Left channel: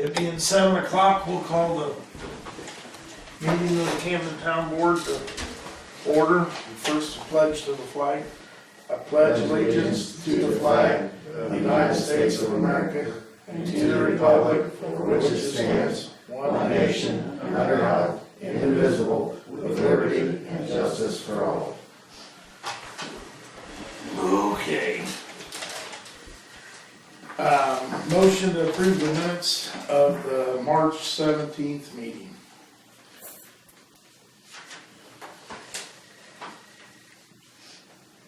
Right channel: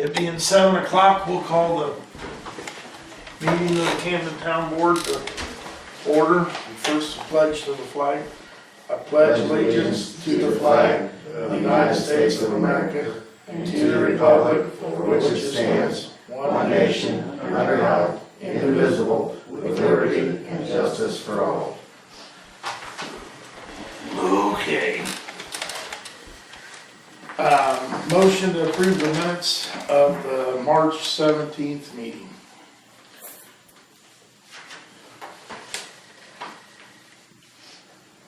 It being 7 o'clock, we'll call the meeting of the Camden Town Board to order. First, a pledge to the flag. I pledge allegiance to the flag of the United States of America and to the republic for which it stands, one nation, under God, indivisible, with liberty and justice for all. Okay. Motion to approve the minutes of the March 17th meeting.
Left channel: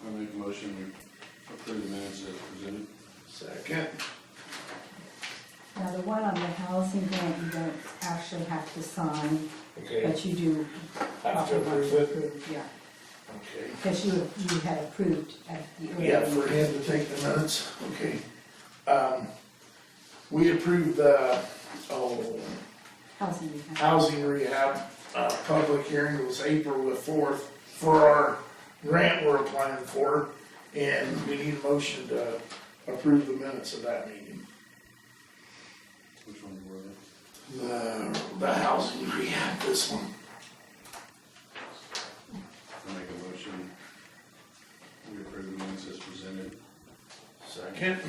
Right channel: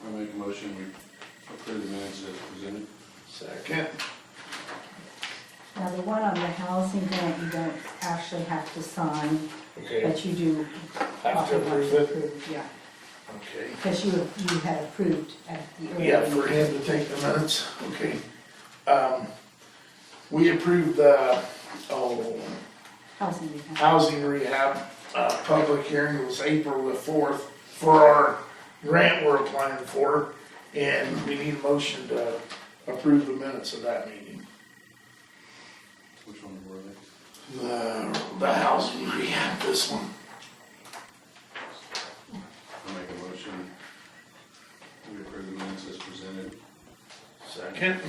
I make a motion, we approve the minutes as presented. Second. Now, the one on the housing grant, you don't actually have to sign, Okay. but you do. Have to approve it? Yeah, Okay. because you had approved at the earlier. Yeah, for him to take the minutes, okay. We approved the, Housing rehab. housing rehab, public hearing was April the 4th for our grant we're applying for, and we need a motion to approve the minutes of that meeting. Which one were they? The housing rehab, this one. I make a motion, we approve the minutes as presented. Second.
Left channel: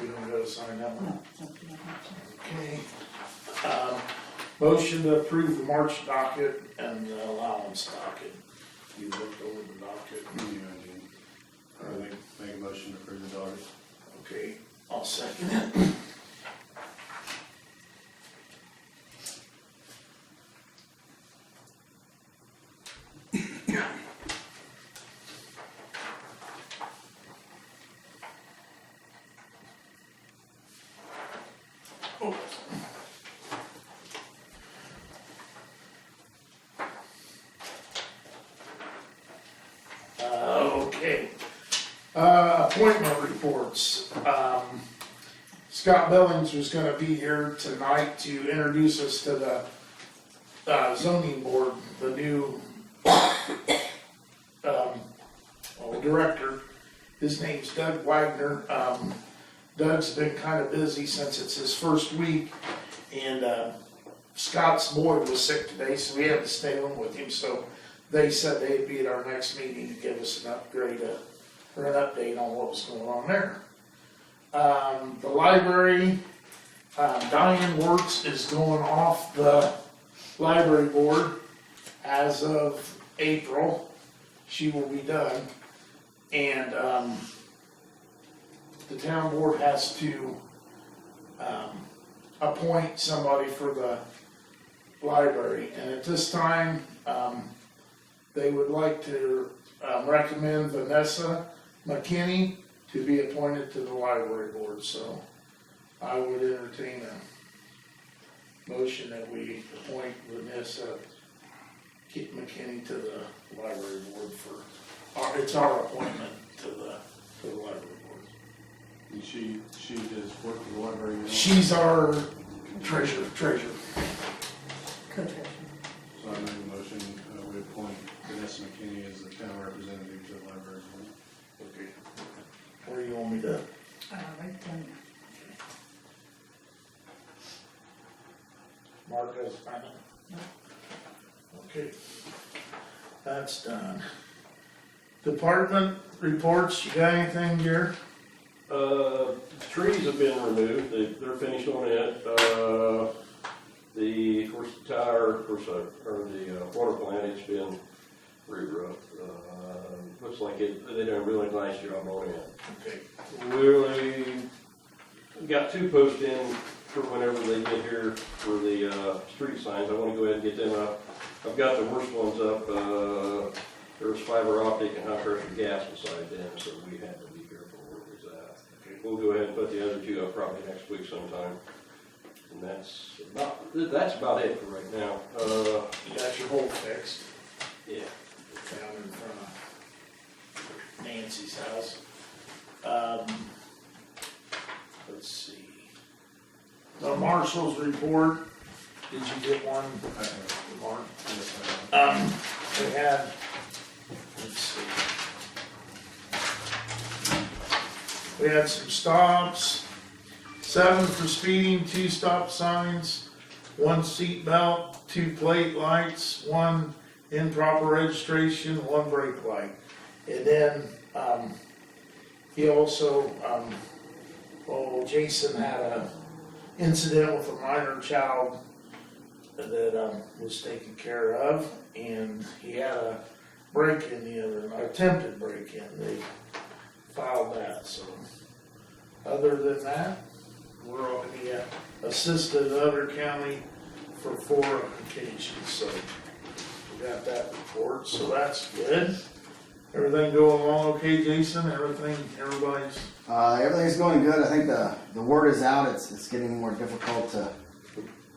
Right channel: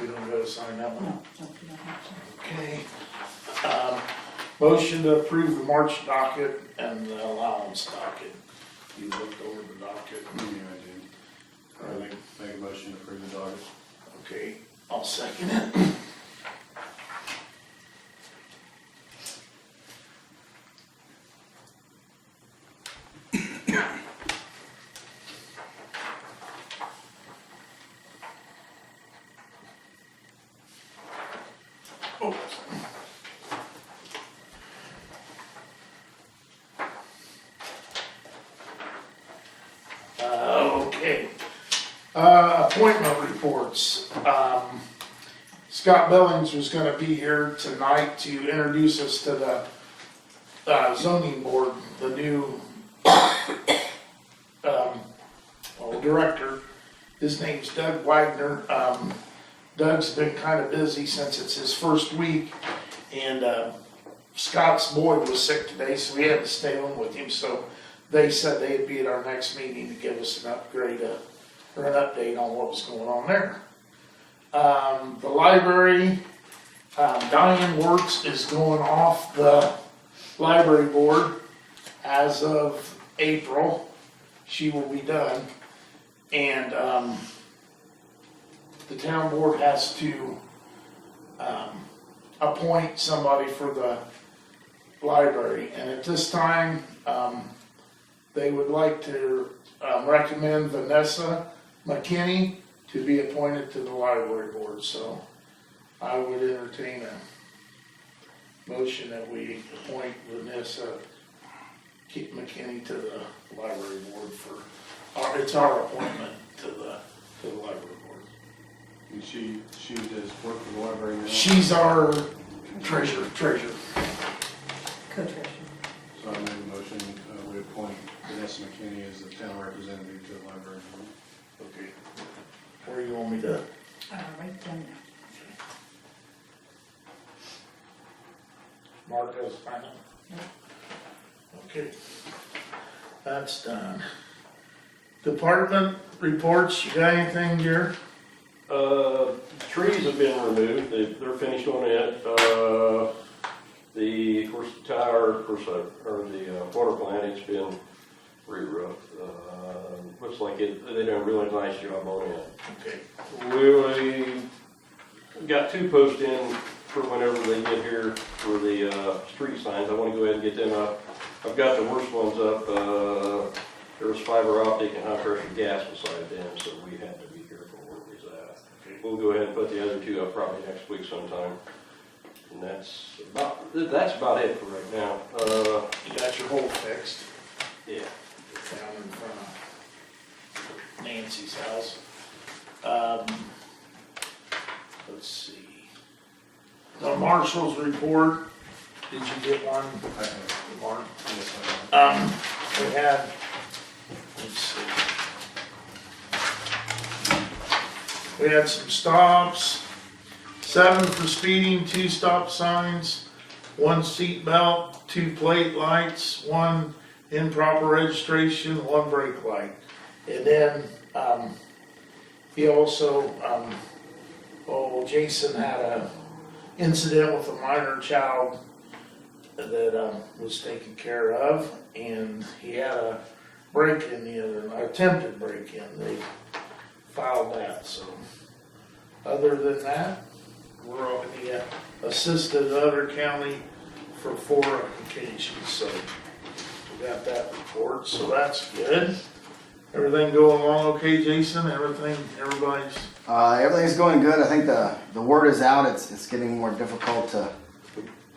We don't gotta sign that one. No, you don't have to. Okay. Motion to approve the March docket and the allowance docket. You looked over the docket. Yeah, I Are they, did. Make a motion to approve the docket. okay, I'll second it. Oh. Okay. Appointment reports. Scott Billings was gonna be here tonight to introduce us to the zoning board, the new director. His name's Doug Wagner. Doug's been kind of busy since it's his first week, and Scott's boy was sick today, so we had to stay on with him. So they said they'd be at our next meeting to give us an upgrade or an update on what was going on there. The library, Diane Works is going off the library board as of April. She will be done, and the town board has to appoint somebody for the library, and at this time, they would like to recommend Vanessa McKinney to be appointed to the library board, so I would entertain a motion that we appoint Vanessa McKinney to the library board it's our appointment to the library board. And she does work for the library now. She's our treasurer. Co-treasurer. So I make a motion, we appoint Vanessa McKinney as the town representative to the library board. Okay. Where you want me to? Right down there. Mark does find it? No. Okay. That's done. Department reports, you got anything, Jared? Trees have been removed, they're finished on it. Of course, the tower, or the water plant, it's been re-roofed. Looks like they done a really nice job on it. Okay. We got 2 posts in for whenever they get here for the street signs. I wanna go ahead and get them up. I've got the worst ones up. There was fiber optic and high pressure gas beside them, so we had to be careful where we was at. Okay. We'll go ahead and put the other 2 up probably next week sometime. And that's about it for right now. You got your hole fixed Yeah. down in front of Nancy's house. Let's see. The marshal's report, did you get one, I have, Mark? yes, I have. We had, let's see. We had some stops, 7 for speeding, 2 stop signs, 1 seat belt, 2 plate lights, 1 improper registration, 1 brake light. And then, he also, Jason had a incident with a minor child that, was taken care of, and he had a break-in the other, attempted break-in, they filed that, so. Other than that, we're on the, assisted other county for 4 applications, so we got that report, so that's good. Everything going along okay, Jason? Everybody's, Everything's going good. I think the word is out. It's getting more difficult to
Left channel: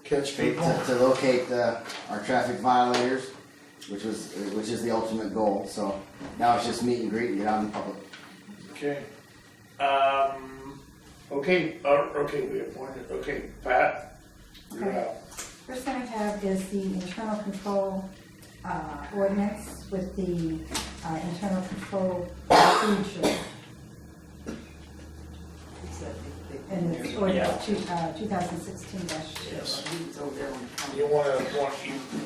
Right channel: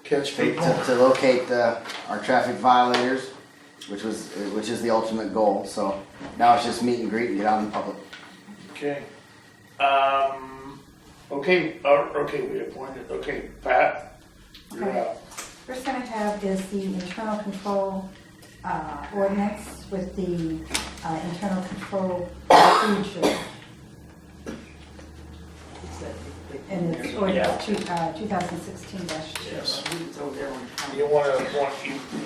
catch people? locate our traffic violators, which is the ultimate goal. So now it's just meet and greet and get out in public. Okay. Okay, we appointed, okay, Pat, you're Okay. out. First thing I have is the internal control ordinance with the internal control procedure. And it's ordinance 2016-2. Yes. It's over there on the counter.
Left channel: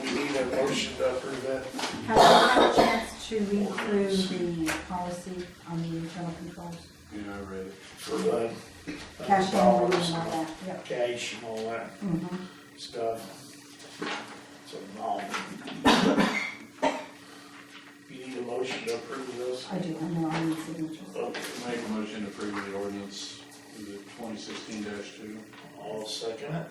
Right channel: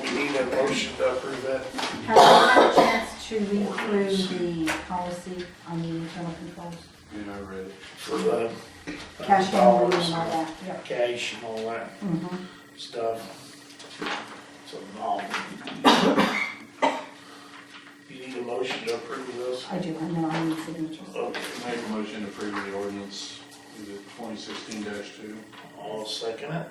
We need a motion to approve that. Have you had a chance to read through the policy on the internal controls? Yeah, I read it. For the Cash handling and all that, yep. cash and all that Mhm. stuff. So, you need a motion to approve this? I do, and then I'll need signatures. Okay, Make a motion to approve the ordinance, is it 2016-2? I'll second it.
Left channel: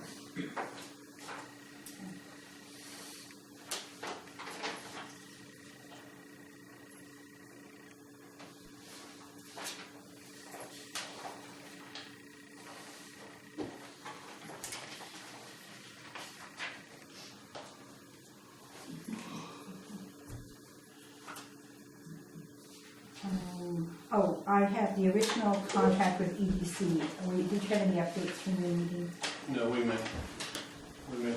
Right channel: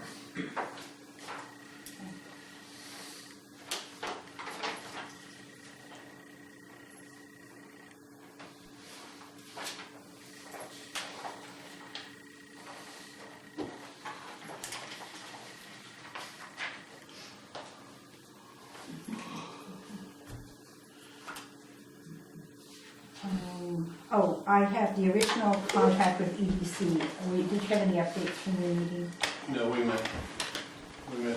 I have the original contract with EDC. Did you have any updates from your meeting? No, we met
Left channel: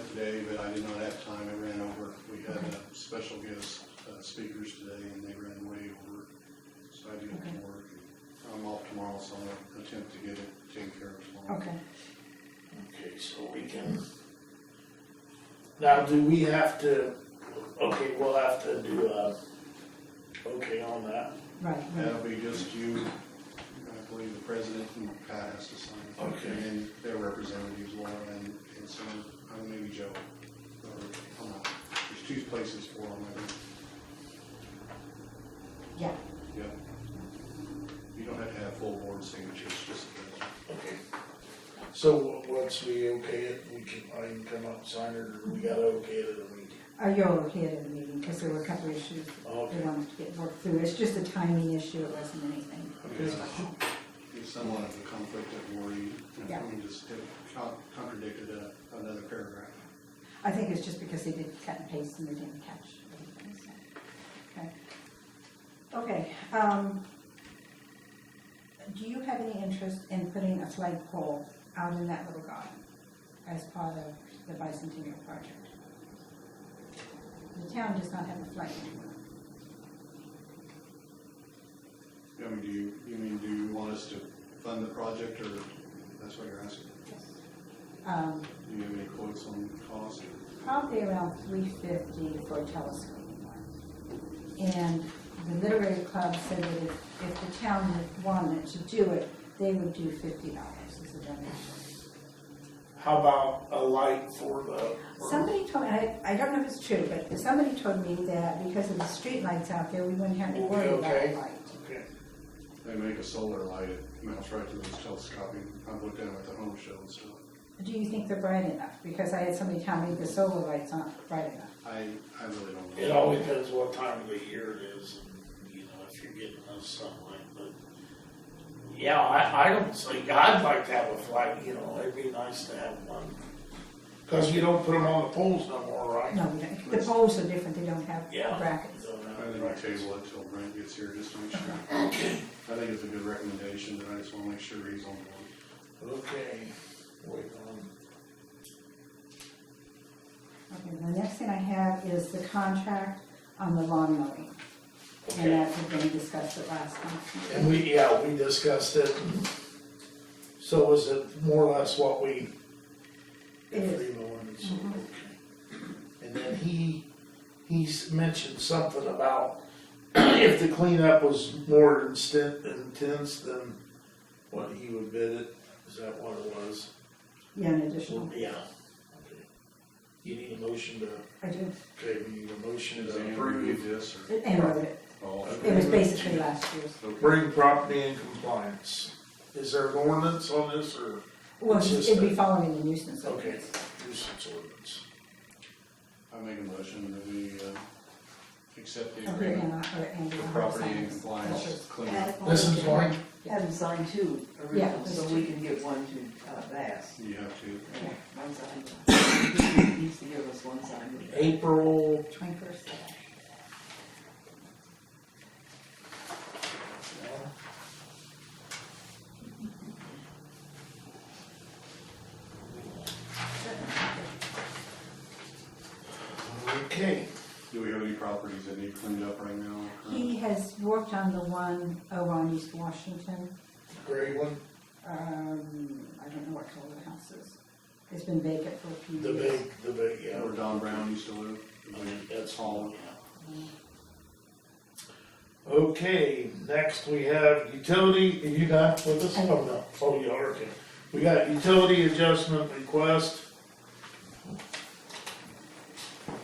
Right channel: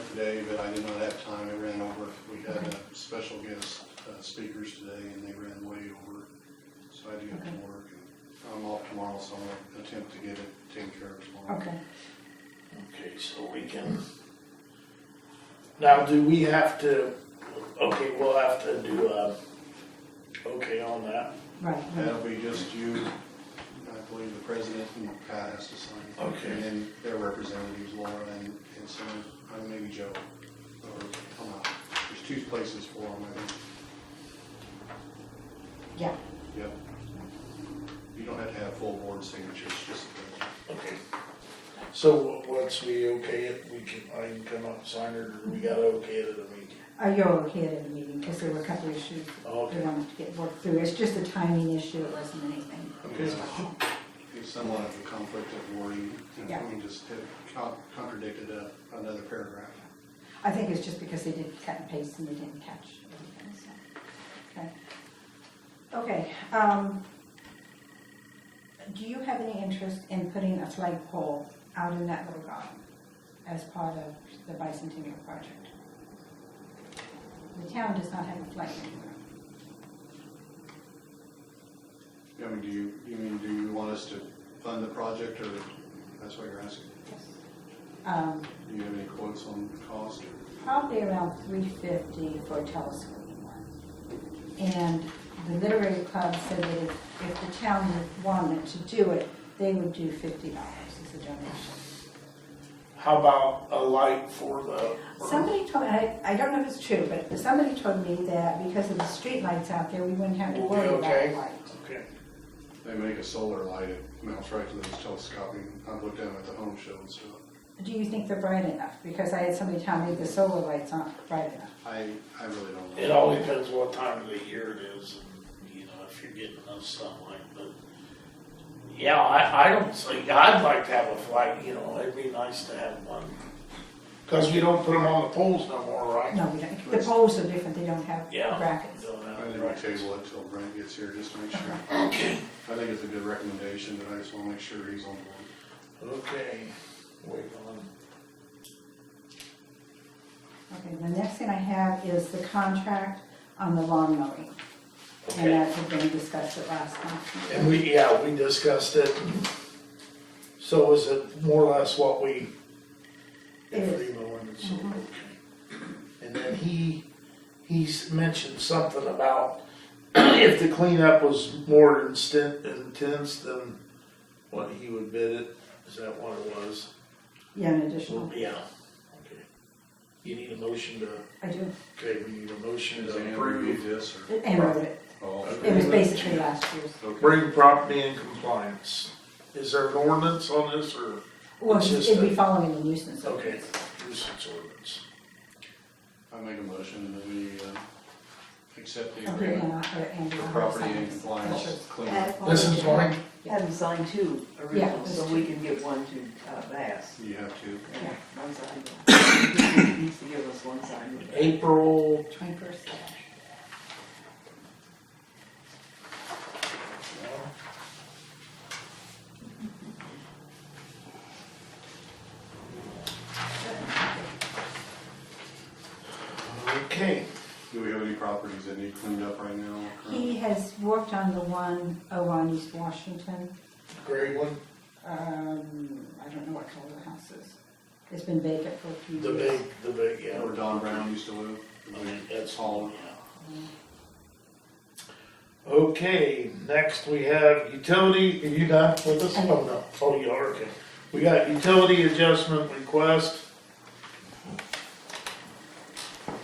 today, but I did not have time, I ran over. We had special guest speakers today, and they ran way over, so I had to get to work. And I'm off tomorrow, so I'm gonna attempt to get it taken care of tomorrow. Okay. Okay, so we can, now do we have to, okay, we'll have to do okay on that. Right. That'll be just you, I believe the president and Pat has to sign. Okay. And then their representatives, Laura and some, maybe Joe, or, I'm not, there's 2 places for them, I think. Yeah. Yep. You don't have to have full board signatures, just the president. Okay. So once we okay it, I can come up and sign it, or we gotta okay it at a meeting? You're okay at the meeting, because there were a couple issues Okay. we wanted to get worked through. It's just a timing issue, it wasn't anything Okay. special. It's somewhat of a conflict of wording, Yeah. I mean, just it contradicted another paragraph. I think it's just because they did cut and paste and they didn't catch everything, so. Okay. Okay, do you have any interest in putting a flagpole out in that little garden as part of the bicentennial project? The town does not have a flag anymore. I mean, do you want us to fund the project, or that's what you're asking? Yes. Do you have any quotes on the cost? Probably around $350 for a telescoping one. And the literary club said that if the town wanted to do it, they would do $50 as a donation. How about a light for the? Somebody told me, I don't know if it's true, but somebody told me that because of the street lights out there, we wouldn't have to We'll be worry about okay. the light. Okay. They make a solar light, it mounts right to those telescoping, I've looked at them at the home show and stuff. Do you think they're bright enough? Because I had somebody tell me the solar lights aren't bright enough. I really don't know. It all depends what time of the year it is, and, if you're getting enough sunlight, but, yeah, I don't think, I'd like to have a flag, it'd be nice to have one. Cause you don't put them on the poles no more, right? No, we don't. The poles are different, they don't have Yeah. brackets. Don't have I think brackets. we table it till Brent gets here, just to make sure. Okay, I think it's a good recommendation, but I just wanna make sure he's on board. okay, wait on, Okay, the next thing I have is the contract on the lawn mowing. And okay. that had been discussed at last month. And we discussed it, and So is it more or less what we? It is. Free mowing and so, Mhm. okay. And then he's mentioned something about if the cleanup was more intense than what he would bid it, is that what it was? Yeah, an additional, Yeah, okay. You need a motion to, I do, okay, we need a motion Has to Ann reviewed approve. this or? and wrote it. Oh, It was basically last year's. okay. Bring property in compliance. Is there an ordinance on this or? Well, It's just it'd be a- following the nuisance Okay, ordinance. nuisance ordinance. I make a motion that we, accept the Okay, agreement and for property in compliance cleanup. This is mine? Have them sign two Yeah, originals, so there's we two. can get one to Bass. You have to. Yeah, one signed. He needs to give us one signed with that. April 21st. Okay, Do we have any properties that need cleaned up right now? He has worked on the one over on East Washington. gray one, I don't know what color the house is. It's been vacant for a few the years. big, yeah. Where Don Brown used to live? That's Hall. yeah. Okay, next we have utility, are you done with this? I am. Oh, no, oh, you are, okay. We got utility adjustment request.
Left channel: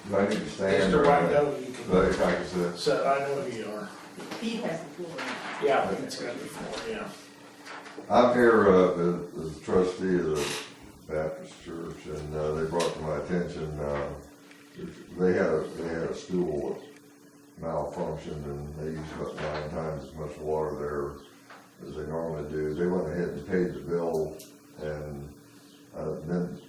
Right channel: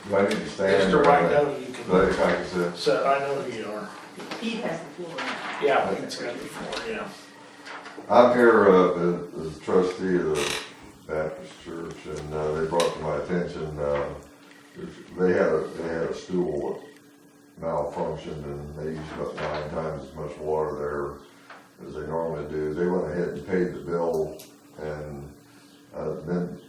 Do I need to stand? Mr. or- Rydell, you Like can, I said, so I know who you are. Pete has the floor now. Yeah, it's got before, yeah. I'm here as trustee of the Baptist church, and they brought to my attention, they had a stool that malfunctioned, and they used about 9 times as much water there as they normally do. They went ahead and paid the bill, and then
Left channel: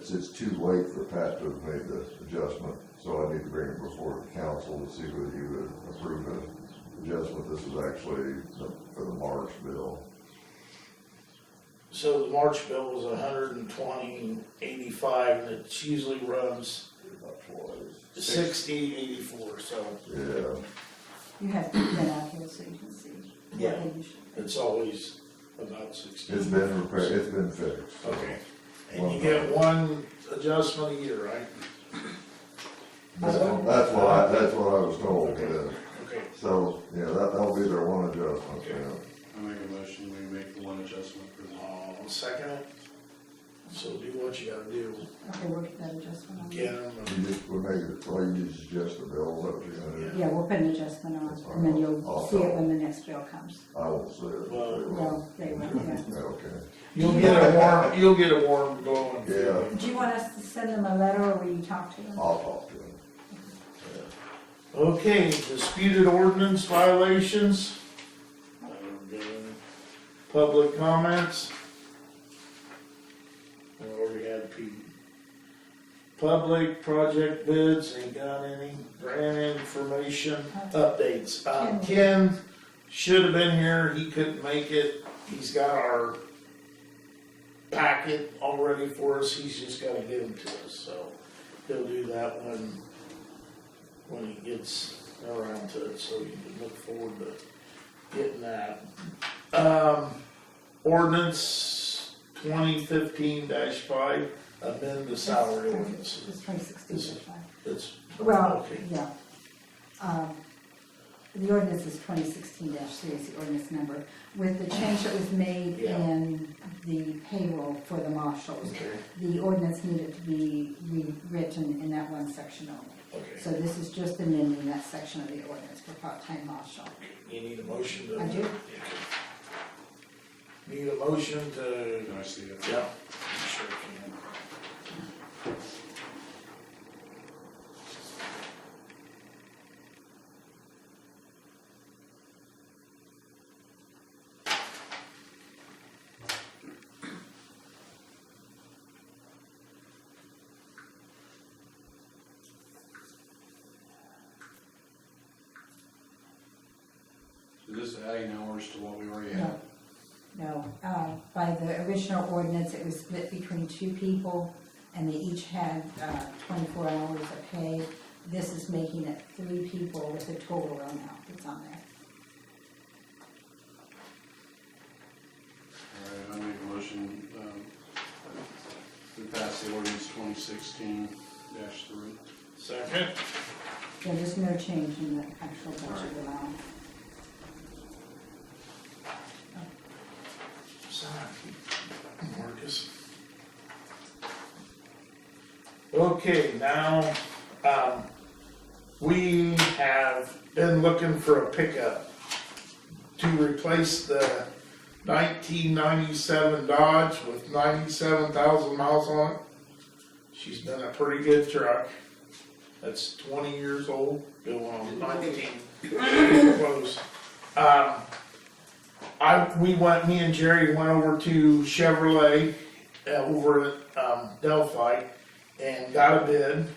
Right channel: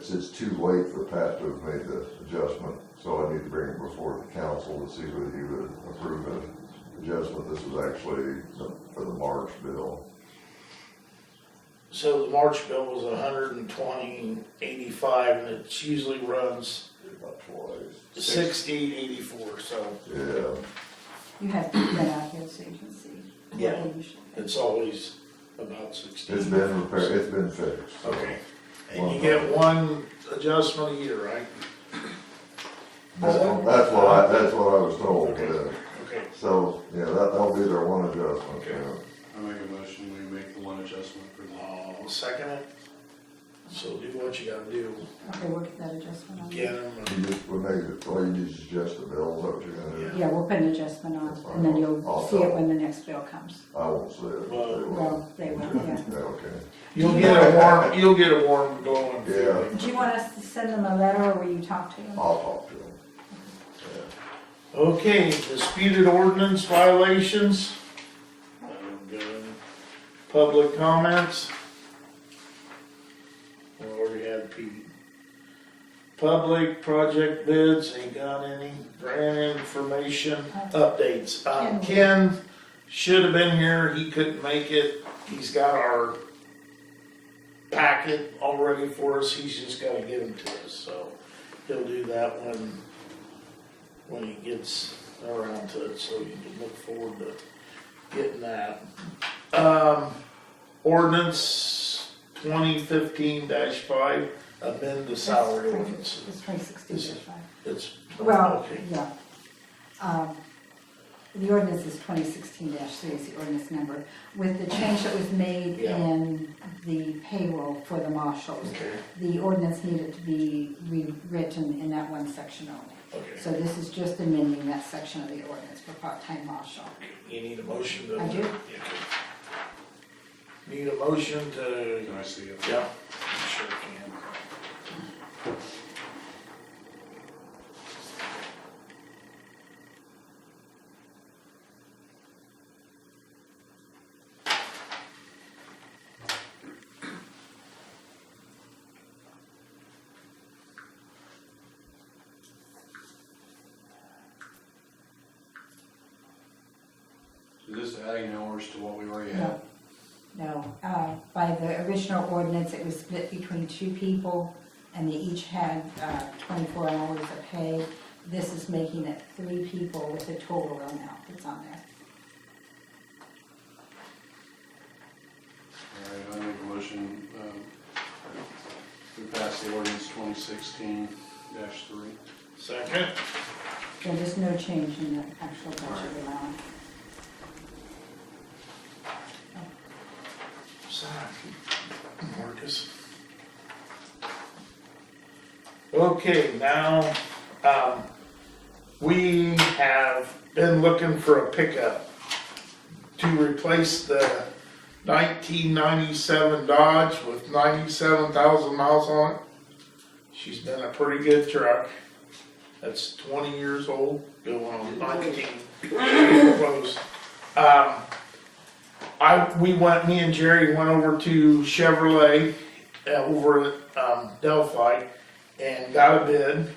it's too late for Pat to have made the adjustment, so I need to bring it before the council to see whether you would approve the adjustment. This is actually for the March bill. So the March bill was 120.85, and it usually runs About twice. 60.84, so Yeah, You have to get out here so you can see what Yeah. they usually do. it's always about 60. it's been repaired, it's been fixed. so. Okay, and you get one adjustment a year, right? That's what I was told, Okay. yeah. Okay, So, yeah, that'll be their one adjustment, Okay. yeah. I make a motion, we make the one adjustment for the. I'll second it. So do what you gotta do, Okay, we'll get that adjustment on. get them, You just, we'll make it, all you need is adjust the bill, is that what you're gonna do? Yeah, we'll put an adjustment on, and then you'll see it when the next bill comes. I won't say it. Well, they will. Well, they will, yeah. Yeah, okay. you'll get a warm glowing Yeah. feeling. Do you want us to send them a letter, or will you talk to them? I'll talk to them. Okay, disputed ordinance violations. Public comments. We already had Pete. Public project bids, ain't got any grant information, updates. Ken should have been here, he couldn't make it, he's got our packet all ready for us, he's just gotta give them to us, so he'll do that when he gets around to it, so you can look forward to getting that. Ordinance 2015-5, amend the salary ordinance. It's 2016, This is- fine. It's, Well, okay, yeah. The ordinance is 2016-3 is the ordinance number. With the change that was made Yeah. in the payroll for the marshals, okay, the ordinance needed to be rewritten in that one section only. okay. So this is just amending that section of the ordinance for part-time marshal. You need a motion to? I do. Okay. Need a motion to, Can I see it? yeah, you sure can. Is this adding hours to what we already had? No, by the original ordinance, it was split between 2 people, and they each had 24 hours of pay. This is making it 3 people with the total amount that's on there. All right, I make motion, we passed the ordinance 2016-3. Second. So there's no change in the actual budget amount. Marcus. Okay, now, we have been looking for a pickup to replace the 1997 Dodge with 97,000 miles on it. She's been a pretty good truck. That's 20 years old, going on 19, close. Me and Jerry went over to Chevrolet over at Delphi and got a bid.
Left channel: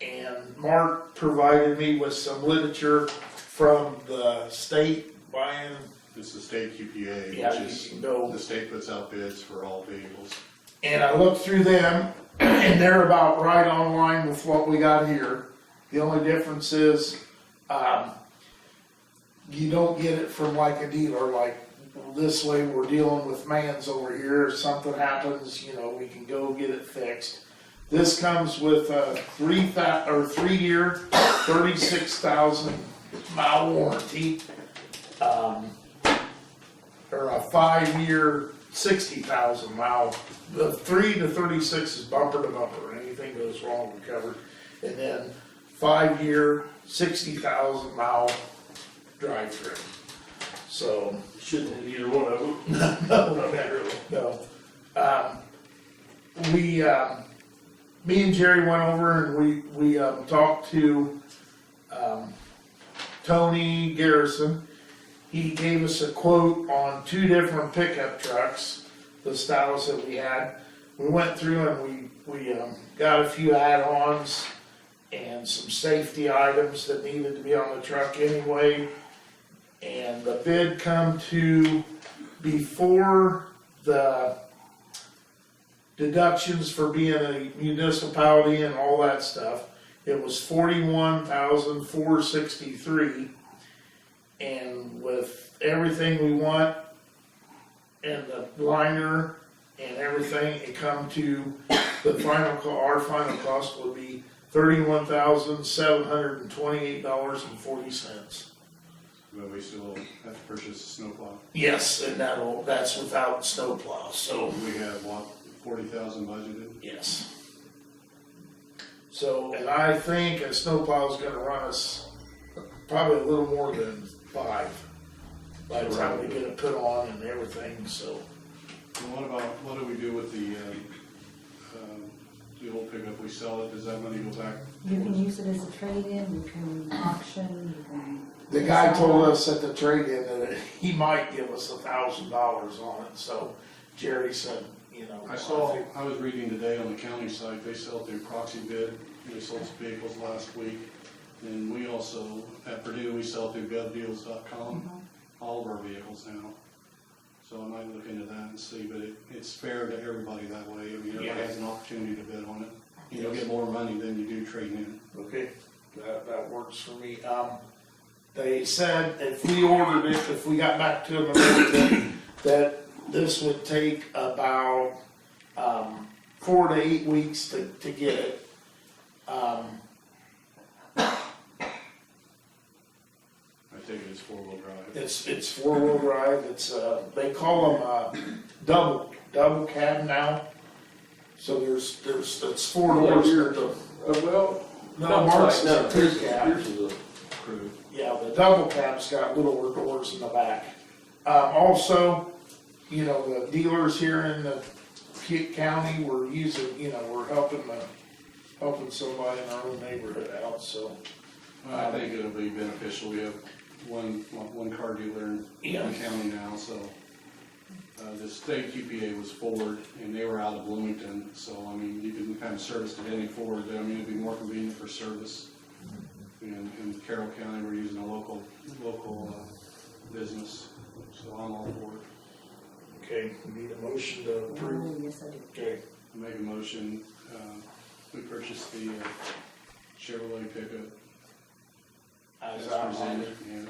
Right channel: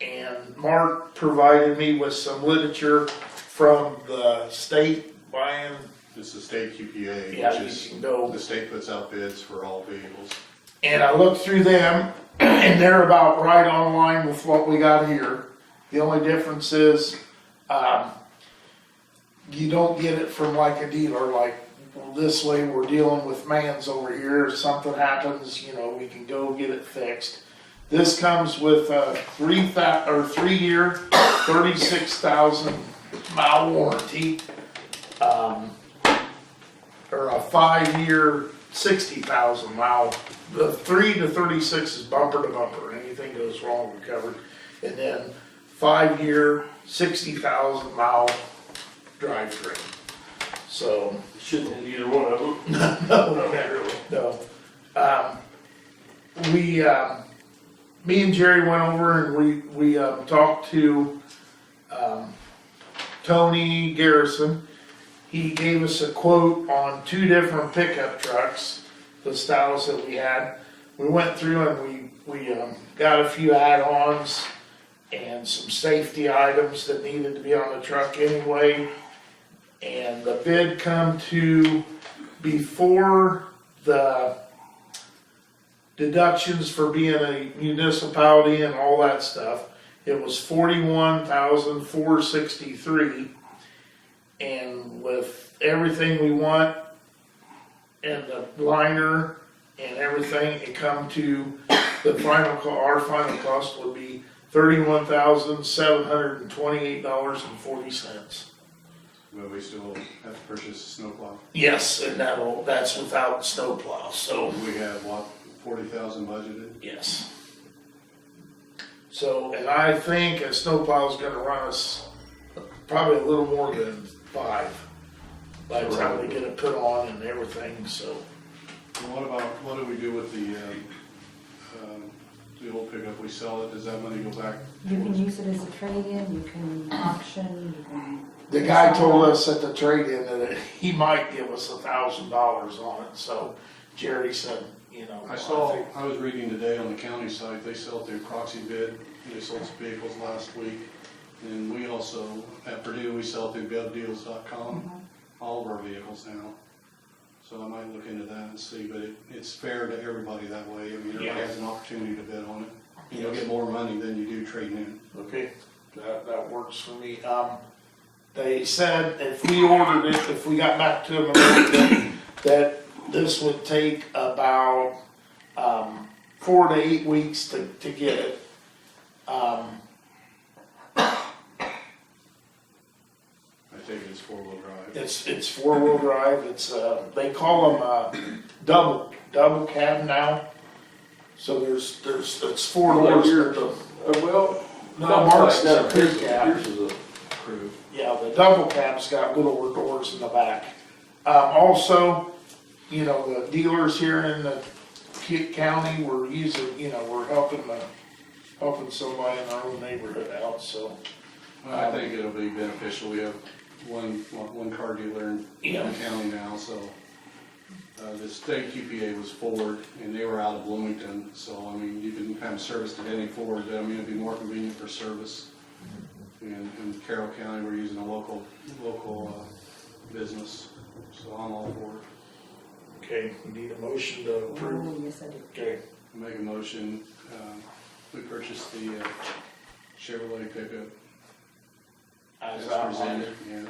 And Mark provided me with some literature from the state buying. It's the state QPA, Yeah, which you is, can go. the state puts out bids for all vehicles. And I looked through them and they're about right on line with what we got here. The only difference is, you don't get it from like a dealer, like this way we're dealing with Mans over here. If something happens, we can go get it fixed. This comes with a 3-year, 36,000 mile warranty, or a 5-year, 60,000 mile. The 3 to 36 is bumper to bumper. Anything goes wrong, we're covered. And then 5-year, 60,000 mile drivetrain. So. Shouldn't hit either one of them. No. Me and Jerry went over and we talked to, Tony Garrison. He gave us a quote on 2 different pickup trucks, the styles that we had. We went through and we got a few add-ons and some safety items that needed to be on the truck anyway. And the bid come to, before the deductions for being a municipality and all that stuff, it was $41,463. And with everything we want and the liner and everything, it come to our final cost would be $31,728.40. But we still have to purchase a snowplow. Yes, and that's without snowplow, so. We have, what, 40,000 budgeted? Yes. So, and I think a snowplow is gonna run us probably a little more than 5 by the time we get it put on and everything, so. And what do we do with the old pickup? We sell it, does that money go back? You can use it as a trade-in, you can auction, you can. The guy told us at the trade-in that he might give us $1,000 on it, so Jerry said, I was reading today on the county site, they sell through proxy bid, and they sold some vehicles last week. And we also, at Purdue, we sell through govdeals.com, all of our vehicles now. So I might look into that and see, but it's fair to everybody that way. I mean, everybody has an opportunity to bid on it. You'll get more money than you do trading in. Okay, that works for me. They said if we ordered it, if we got back to them, that this would take about 4 to 8 weeks to get it. I take it as 4-wheel drive. It's 4-wheel drive. It's they call them double cab now. So it's 4 doors. Well, No, Mark's is a crew cab. Yours is a crew. Yeah, the double cab's got littler doors in the back. Also, the dealers here in the county, we're using, we're helping somebody in our own neighborhood out, so. I think it'll be beneficial. We have one car dealer in the county now, so. The state QPA was Ford, and they were out of Bloomington, so, I mean, you can have service at any Ford. I mean, it'd be more convenient for service. In Carroll County, we're using a local business, so I'm all for it. Okay, we need a motion to approve. Oh, yes, I do. Okay, I make a motion, we purchased the Chevrolet pickup as as outlined. presented. Yeah.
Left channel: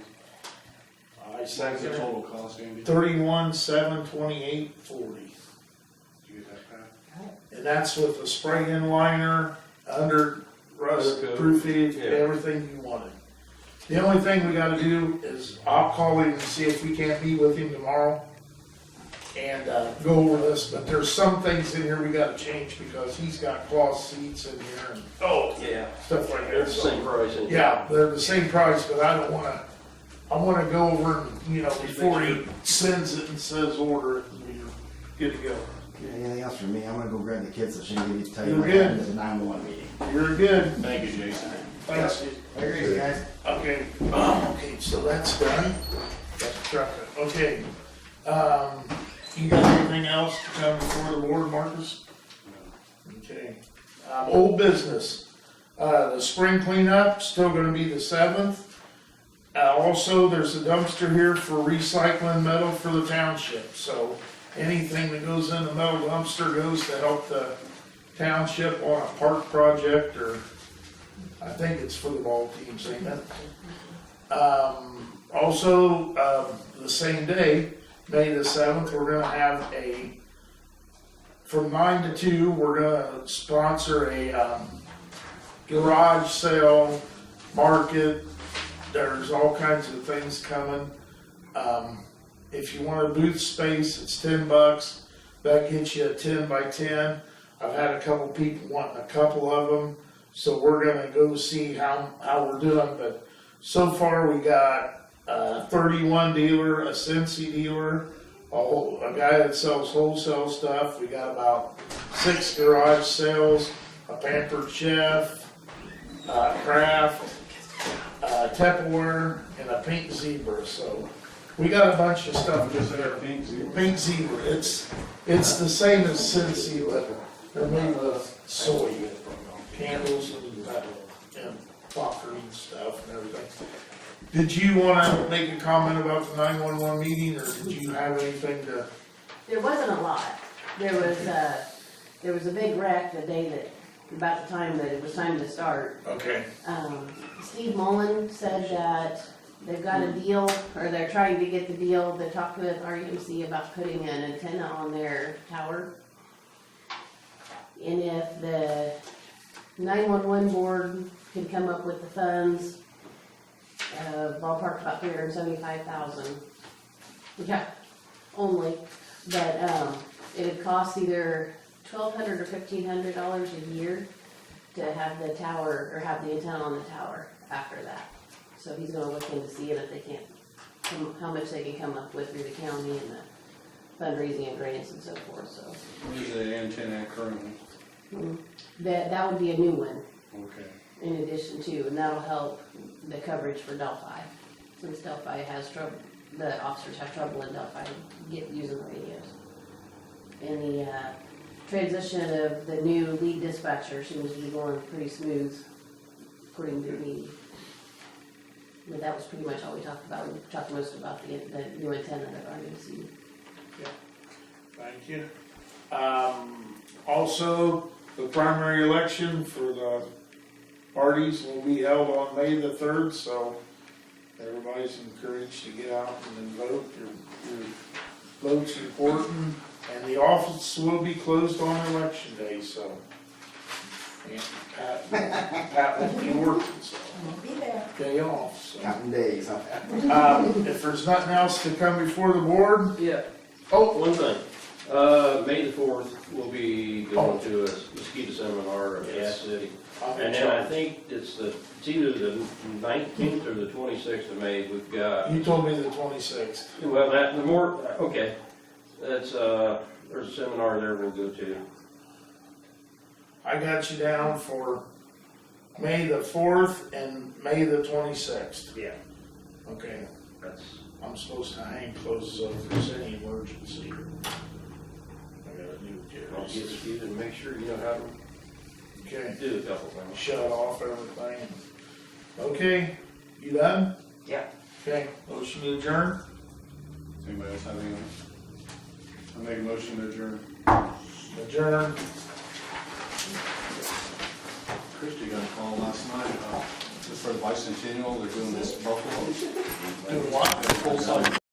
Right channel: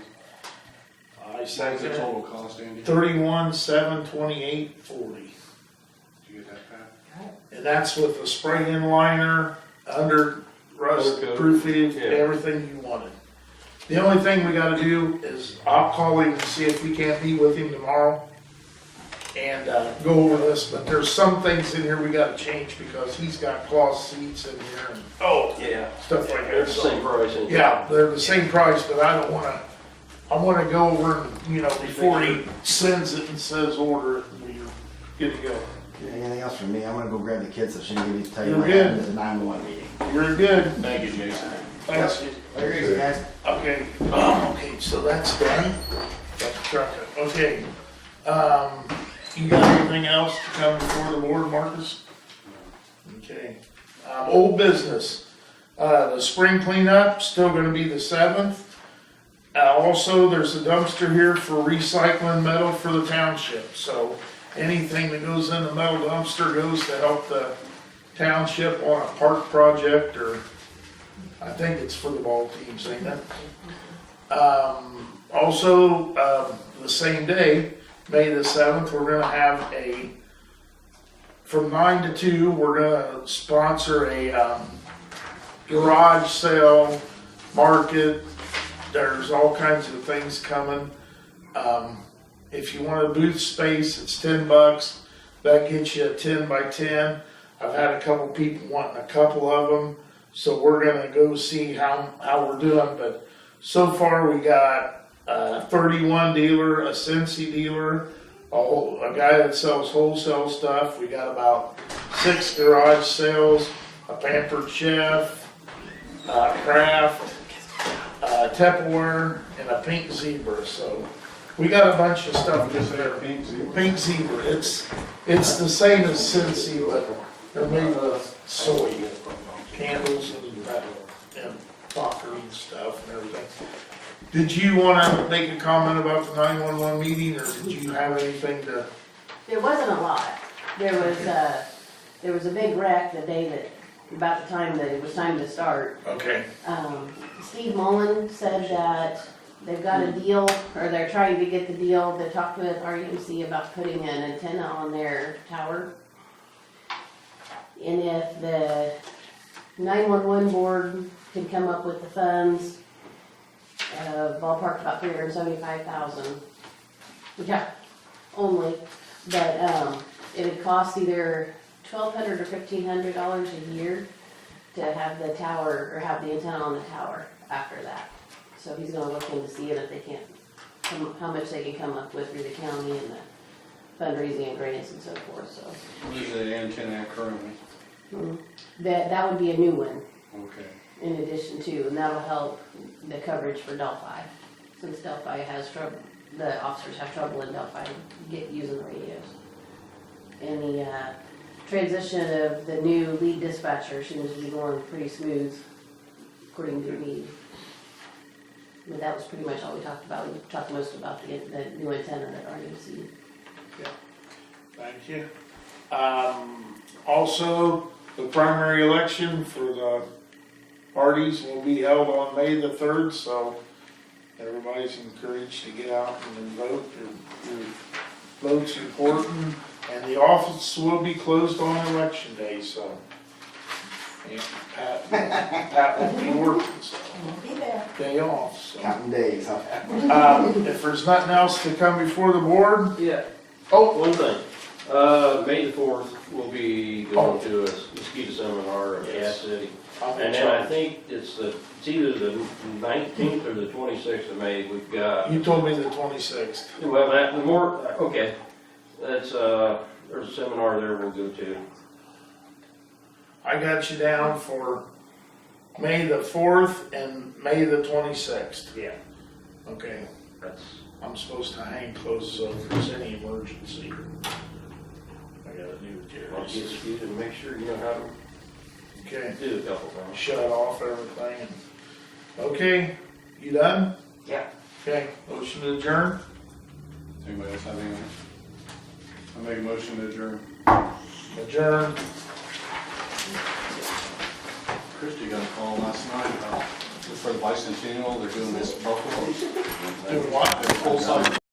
I What's second the it. total cost, Andy? $31,728.40. that's with the spray-in liner, under rust Undercoat. proofing, Yeah. everything you wanted. The only thing we gotta do is, I'll call him and see if we can't meet with him tomorrow and, go over this, but there's some things in here we gotta change because he's got cloth seats in here and Yeah. stuff like They're that, the so. same price. ain't they? Yeah, they're the same price, but I don't wanna, I wanna go over and, you know, before he sends it and says order it, we're good to go. Anything else from me? I'm gonna go grab the kids so she can give you, tell you You're what good. happened at the 911 meeting. You're good. Thank you, Jason. Thanks. There you go, guys. Okay, okay, so that's done. That's the truck. Okay, you got anything else to come before the board, Marcus? Okay, old business. The spring cleanup, still gonna be the 7th. Also, there's a dumpster here for recycling metal for the township, so anything that goes in the metal dumpster goes to help the township on a park project, or I think it's for the ball teams, ain't it? Also, the same day, May the 7th, we're gonna have from 9 to 2, we're gonna sponsor a, garage sale, market. There's all kinds of things coming. If you want a booth space, it's $10. That gets you a 10 by 10. I've had a couple people wanting a couple of them, so we're gonna go see how we're doing. But so far, we got a 31 dealer, a Cincy dealer, a guy that sells wholesale stuff. We got about 6 garage sales, a Pampered Chef, Kraft, Tupperware, and a Pink Zebra. So we got a bunch of stuff in there. Pink Zebra. Pink Zebra, it's the same as Cincy, but they're made with soy candles and popper and stuff and everything. Did you wanna make a comment about the 911 meeting, or did you have anything to? There wasn't a lot. There was a big wreck the day that, about the time that it was time to start. Okay, Steve Mullen said that they've got a deal, or they're trying to get the deal. They talked with RUMC about putting an antenna on their tower. And if the 911 board could come up with the funds, ballpark about $375,000. Yeah, only, but, it would cost either $1,200 or $1,500 a year to have the tower, or have the antenna on the tower after that. So he's gonna look into seeing if they can't, how much they can come up with through the county and the fundraising and grants and so forth, so. Where's the antenna currently? That would be a new one Okay. in addition to, and that'll help the coverage for Delphi. Since Delphi has trouble, the officers have trouble in Delphi using the radios. And the, transition of the new lead dispatcher seems to be going pretty smooth, according to me. But that was pretty much all we talked about. We talked most about the new antenna at RUMC. thank you. Also, the primary election for the parties will be held on May the 3rd, so everybody's encouraged to get out and vote. Your vote's important, and the office will be closed on election day, so. And Pat won't be working, so, We'll be there. day off, so. Counting days, huh? If there's nothing else to come before the board, Yeah. oh, One thing, May the 4th, we'll be going to a mosquito seminar in Gas City. I'm in And then I charge. think it's either the 19th or the 26th of May, we've got, You told me the 26th. well, okay. That's, there's a seminar there we'll go to. I got you down for May the 4th and May the 26th. Yeah. Okay, That's, I'm supposed to hang close, so if there's any emergency, I gotta do it, I'll get Jerry. you to make sure you know how to Okay, do a couple things. shut off everything. Okay, you done? Yeah. Okay, motion to adjourn? Does anybody else have anything? I make a motion to adjourn. Adjourn. Christie got a call last night about, for the bicentennial, they're doing this buffalo. Do what? Full size